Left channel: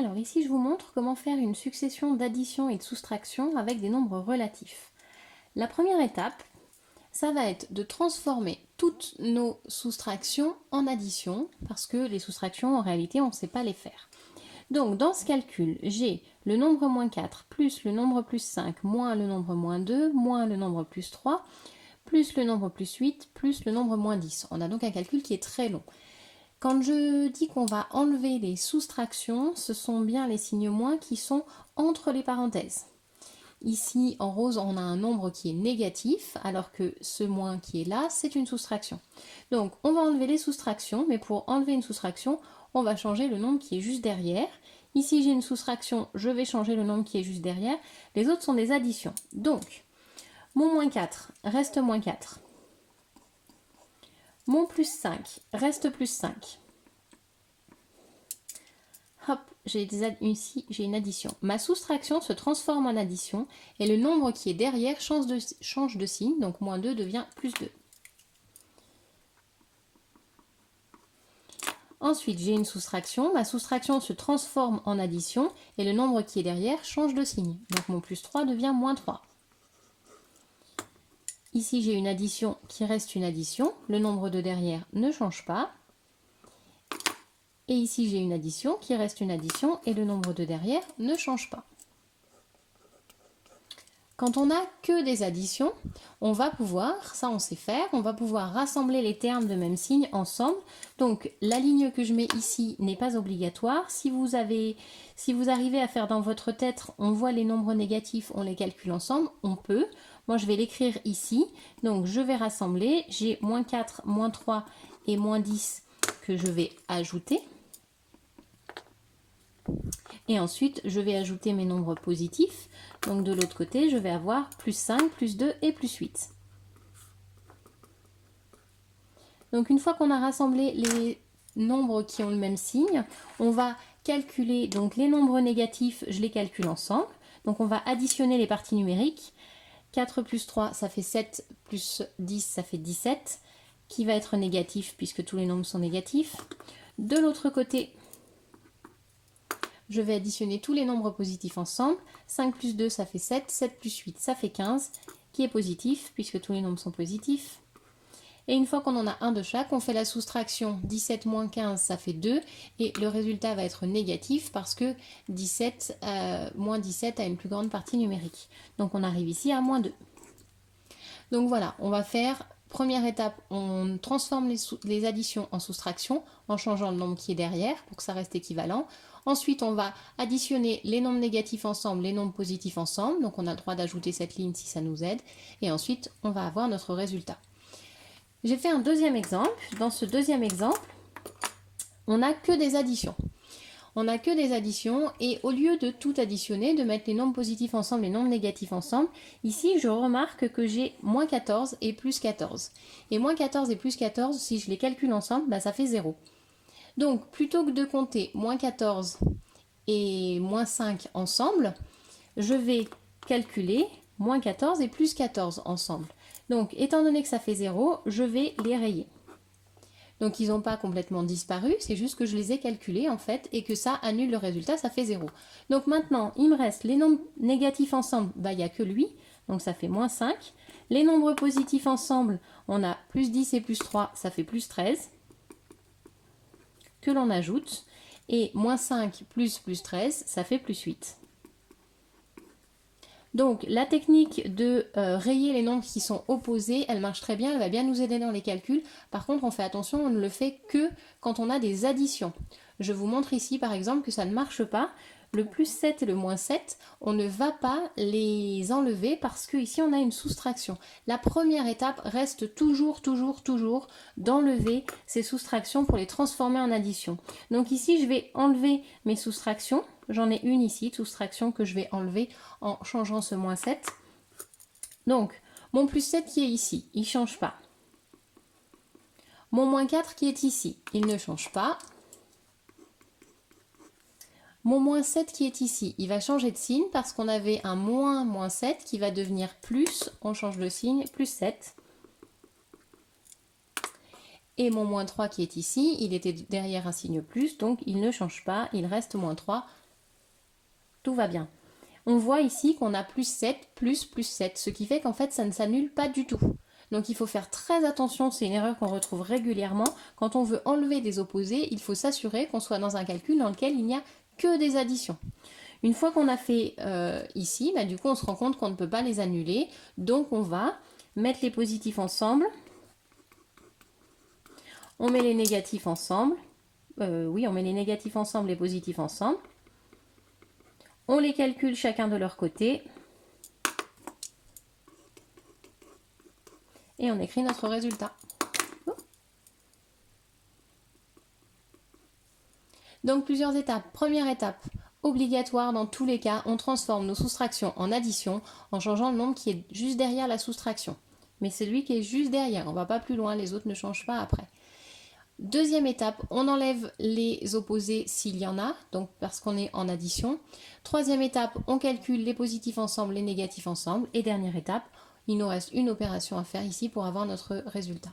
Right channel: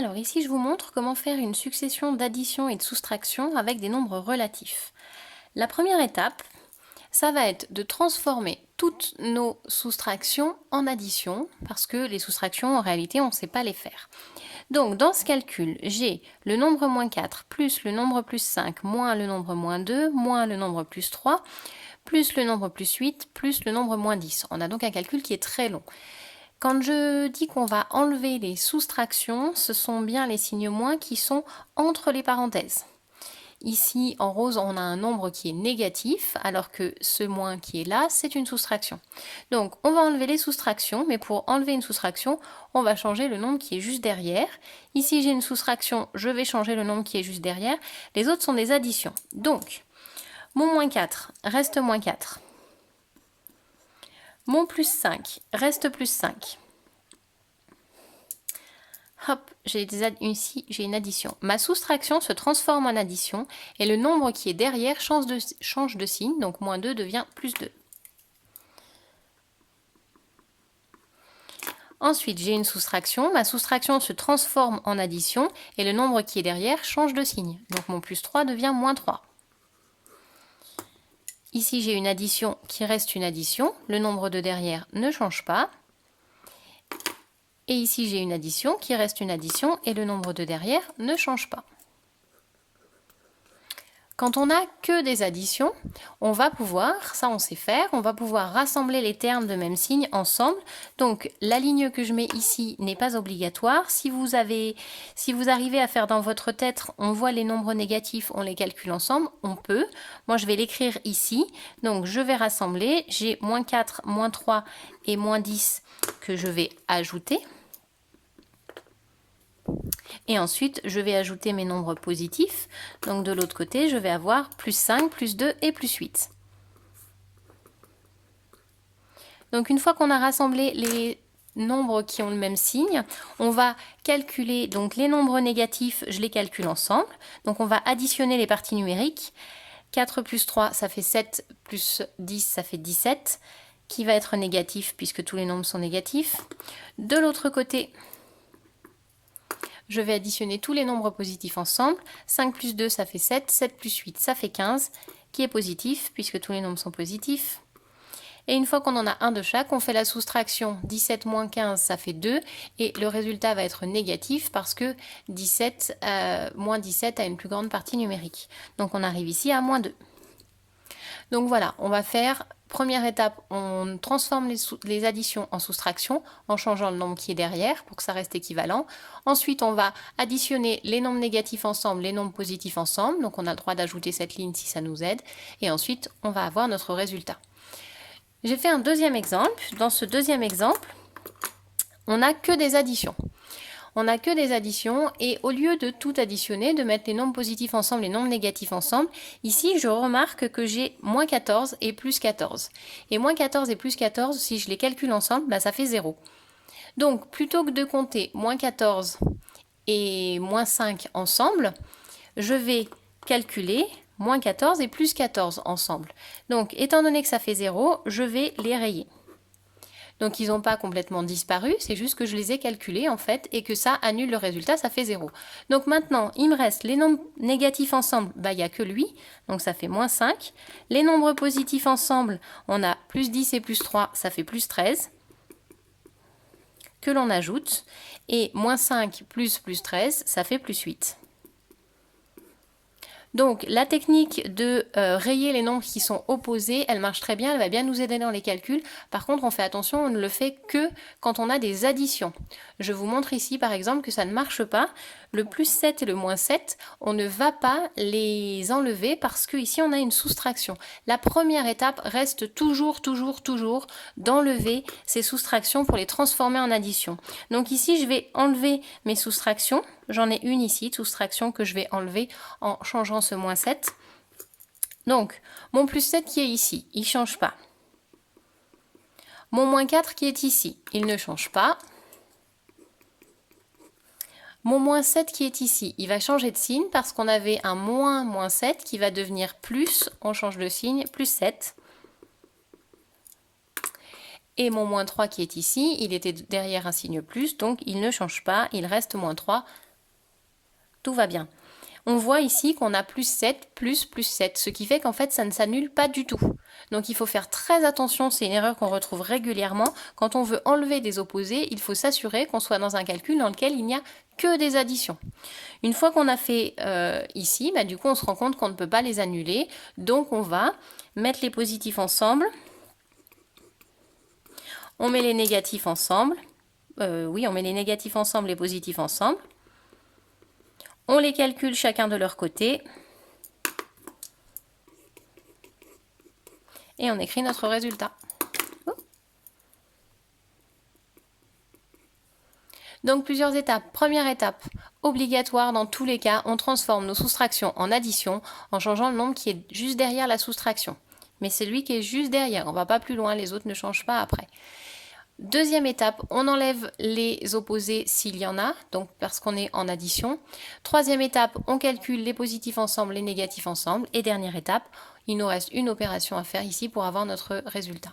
Alors ici, je vous montre comment faire une succession d'addition et de soustraction avec des nombres relatifs. La première étape, ça va être de transformer toutes nos soustractions en addition, parce que les soustractions, en réalité, on ne sait pas les faire. Donc, dans ce calcul, j'ai le nombre moins 4 plus le nombre plus 5 moins le nombre moins 2 moins le nombre plus 3 plus le nombre plus 8 plus le nombre moins 10. On a donc un calcul qui est très long. Quand je dis qu'on va enlever les soustractions, ce sont bien les signes moins qui sont entre les parenthèses. Ici, en rose, on a un nombre qui est négatif, alors que ce moins qui est là, c'est une soustraction. Donc, on va enlever les soustractions, mais pour enlever une soustraction, on va changer le nombre qui est juste derrière. Ici, j'ai une soustraction, je vais changer le nombre qui est juste derrière. Les autres sont des additions. Donc, mon moins 4 reste moins 4. Mon plus 5 reste plus 5. Hop, ici j'ai une addition. Ma soustraction se transforme en addition et le nombre qui est derrière change de signe, donc moins 2 devient plus 2. Ensuite, j'ai une soustraction. Ma soustraction se transforme en addition et le nombre qui est derrière change de signe. Donc mon plus 3 devient moins 3. Ici, j'ai une addition qui reste une addition. Le nombre de derrière ne change pas. Et ici, j'ai une addition qui reste une addition et le nombre de derrière ne change pas. Quand on n'a que des additions, on va pouvoir, ça on sait faire, on va pouvoir rassembler les termes de même signe ensemble. Donc la ligne que je mets ici n'est pas obligatoire. Si vous arrivez à faire dans votre tête, on voit les nombres négatifs, on les calcule ensemble, on peut. Moi je vais l'écrire ici, donc je vais rassembler. J'ai moins 4, moins 3 et moins 10 que je vais ajouter. Et ensuite, je vais ajouter mes nombres positifs. Donc de l'autre côté, je vais avoir plus 5, plus 2 et plus 8. Donc une fois qu'on a rassemblé les nombres qui ont le même signe, on va calculer donc les nombres négatifs, je les calcule ensemble. Donc on va additionner les parties numériques. 4 plus 3, ça fait 7, plus 10, ça fait 17, qui va être négatif puisque tous les nombres sont négatifs. De l'autre côté, je vais additionner tous les nombres positifs ensemble. 5 plus 2, ça fait 7. 7 plus 8, ça fait 15, qui est positif, puisque tous les nombres sont positifs. Et une fois qu'on en a un de chaque, on fait la soustraction. 17 moins 15, ça fait 2. Et le résultat va être négatif, parce que moins 17 a une plus grande partie numérique. Donc on arrive ici à moins 2. Donc voilà, on va faire... Première étape, on transforme les additions en soustraction en changeant le nombre qui est derrière pour que ça reste équivalent. Ensuite, on va additionner les nombres négatifs ensemble, les nombres positifs ensemble. Donc, on a le droit d'ajouter cette ligne si ça nous aide. Et ensuite, on va avoir notre résultat. J'ai fait un deuxième exemple. Dans ce deuxième exemple, on n'a que des additions. On n'a que des additions et au lieu de tout additionner, de mettre les nombres positifs ensemble et les nombres négatifs ensemble, ici je remarque que j'ai moins 14 et plus 14. Et moins 14 et plus 14, si je les calcule ensemble, ça fait 0. Donc plutôt que de compter moins 14 et moins 5 ensemble, je vais calculer moins 14 et plus 14 ensemble. Donc étant donné que ça fait 0, je vais les rayer. Donc ils n'ont pas complètement disparu, c'est juste que je les ai calculés en fait et que ça annule le résultat, ça fait 0. Donc maintenant, il me reste les nombres négatifs ensemble, il n'y a que lui, donc ça fait moins 5. Les nombres positifs ensemble, on a plus 10 et plus 3, ça fait plus 13, que l'on ajoute. Et moins 5 plus 13, ça fait plus 8. Donc la technique de rayer les nombres qui sont opposés, elle marche très bien, elle va bien nous aider dans les calculs. Par contre, on fait attention, on ne le fait que quand on a des additions. Je vous montre ici par exemple que ça ne marche pas. Le plus 7 et le moins 7, on ne va pas les enlever parce qu'ici on a une soustraction. La première étape reste toujours d'enlever ces soustractions pour les transformer en addition. Donc ici je vais enlever mes soustractions. J'en ai une ici, soustraction que je vais enlever en changeant ce moins 7. Donc, mon plus 7 qui est ici, il ne change pas. Mon moins 4 qui est ici, il ne change pas. Mon moins 7 qui est ici, il va changer de signe parce qu'on avait un moins 7 qui va devenir plus, on change de signe, plus 7. Et mon moins 3 qui est ici, il était derrière un signe plus, donc il ne change pas, il reste moins 3 tout va bien. On voit ici qu'on a plus 7, plus 7, ce qui fait qu'en fait ça ne s'annule pas du tout. Donc il faut faire très attention, c'est une erreur qu'on retrouve régulièrement. Quand on veut enlever des opposés, il faut s'assurer qu'on soit dans un calcul dans lequel il n'y a que des additions. Une fois qu'on a fait ici, du coup on se rend compte qu'on ne peut pas les annuler. Donc on va mettre les positifs ensemble. On met les négatifs ensemble. Oui, on met les négatifs ensemble, les positifs ensemble. On les calcule chacun de leur côté. Et on écrit notre résultat. Donc plusieurs étapes. Première étape, obligatoire dans tous les cas, on transforme nos soustractions en addition en changeant le nombre qui est juste derrière la soustraction. Mais c'est lui qui est juste derrière, on ne va pas plus loin, les autres ne changent pas après. Deuxième étape, on enlève les opposés s'il y en a, donc parce qu'on est en addition. Troisième étape, on calcule les positifs ensemble, les négatifs ensemble. Et dernière étape, il nous reste une opération à faire ici pour avoir notre résultat.